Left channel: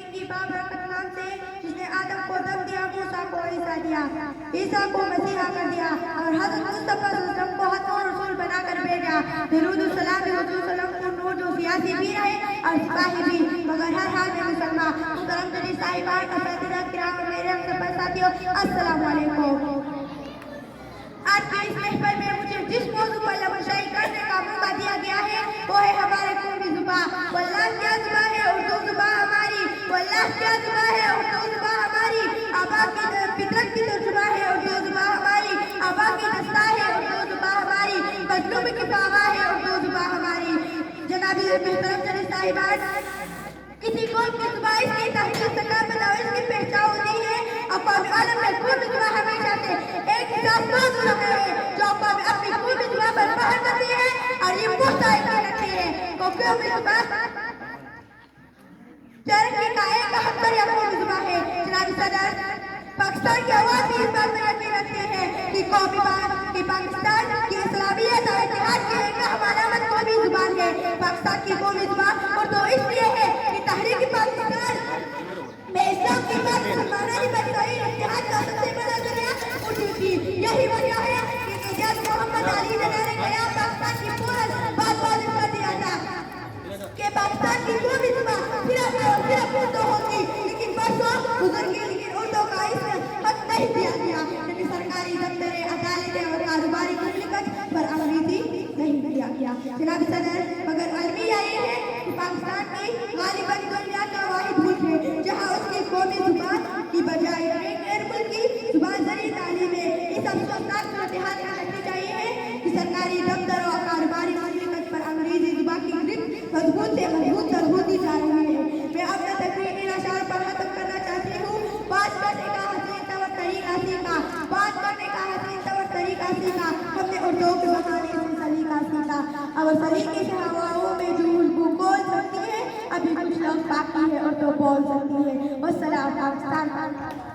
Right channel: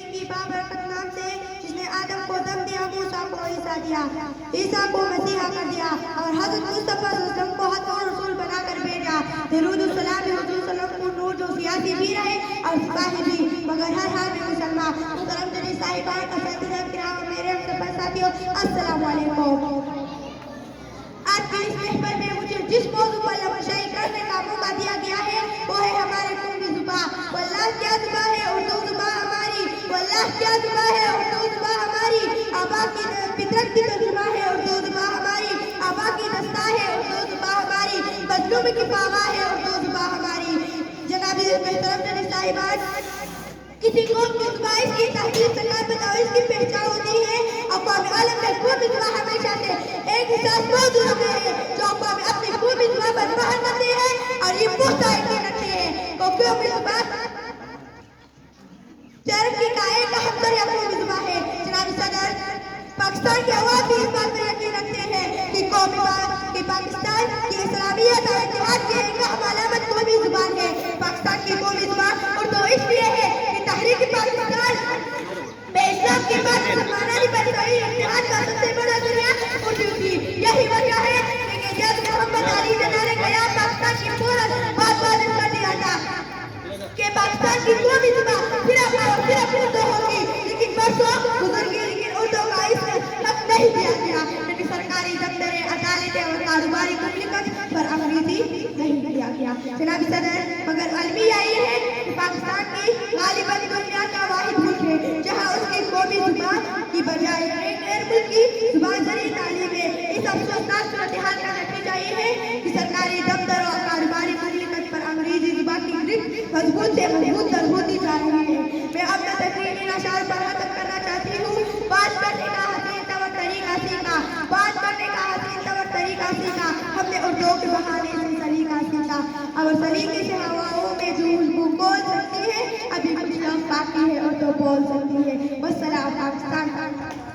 की बाबरकत नाम से जिसने आदम को दम दिया, मूसा को ईसा दिया, ईसा को मसीहा कर दिया और हज़रत मुस्तफा सल्लल्लाहु अलैहि वसल्लम को हक और रसूल बनाकर भेजा। दरूद और सलाम हुजूर सल्लल्लाहु अलैहि वसल्लम को जो सियासी भी रहे और सिपाही भी, मगर हर हाल में मुसलमान। मुहतरम जनाब साहिबान, असातिज़ा किराम, मेरे हमसफ़र साथियों, अस्सलामु अलैकुम। आज के इस महफिल में मुझे जिस मौजू पर लमशाई करने का मौका दिया गया है वो है हमारे कौमी जुबान। वल्लाह क्या जुबान है उर्दू जुबान हमारी, वल्लाह क्या जुबान है उर्दू जुबान हमारी। आबा की फितरत की तर्जुमा है उर्दू जुबान हमारी, आबा की दस्ता है उर्दू जुबान हमारी, मजलूम की पावा है उर्दू जुबान हमारी। जनाब मोहतरम जनाब साहिबान, किसी कौम की जुबान इसकी तहजीब, सकाफत और इसकी पहचान होती है। अक़वाम आलम में कौमी जुबान हमेशा से एक हिसाब मौजूद है जो अक़वाम अपनी कौमी जुबान पर पहल करती है और ये मुस्तैद रखती है। तो कौमी जुबान तरक्की का एक अहम जरिया कौमी जुबान है। जनाब सदर, पाकिस्तान के अवाम भी इस बात पर यकीन रखते हैं कि पाकिस्तान की इस्लामियत और इत्तेहाद की एक अहम अलामत कौमी जुबान है। पाकिस्तान की कौमी जुबान उर्दू इसलिए है कि तहरीक पाकिस्तान में इस्लाम के बाद मुसलमानानी पर कोई इत्तेहाद का सबसे बड़ा जरिया उर्दू थी। यही वजह है कि जब मोहम्मद अली ज़िन्ना ने कहा पाकिस्तान की पूरा बात कर दिया था कि पाकिस्तान की कौमी जुबान सिर्फ उर्दू होगी, लेकिन परसों बुजुर्ग उर्दू का इस हक नहीं दिया गया, लेकिन सरकारी दफ्तर, अदालतें और कारोबारी मुमलिकत पर अंग्रेजी नहीं दिया गया। जनाब सदर, मगर अलमिया ये है कि पाकिस्तान की गालिबन दुनिया का वाहिद मुल्क है जहाँ उसकी कौमी जुबान की बजाय एक गैर मुल्की जुबान जरिए तालीम है। इस अफसोसनाक सूरत-ए-हाल का नतीजा ये है कि सरकारी दफ्तर और कारोबारी मुमलिकत पर अंग्रेजी जुबान की ग्रिप मजबूत से मजबूत होती जा रही है। मैं अपना तकरीरी अशार पर खत्म करना चाहती हूँ। बात करने का हसीन तवर तरीका सीखा, बात करने का हसीन तवर तरीका सीखा, हमने उर्दू के बहाने से सलीका सीखा। और सलीके से हवाओं में जो बोल सकती है, अभी कुछ लफ्ज़ बाकी है और तो बोल सकती है। वस्सलाम। पाकिस्तान।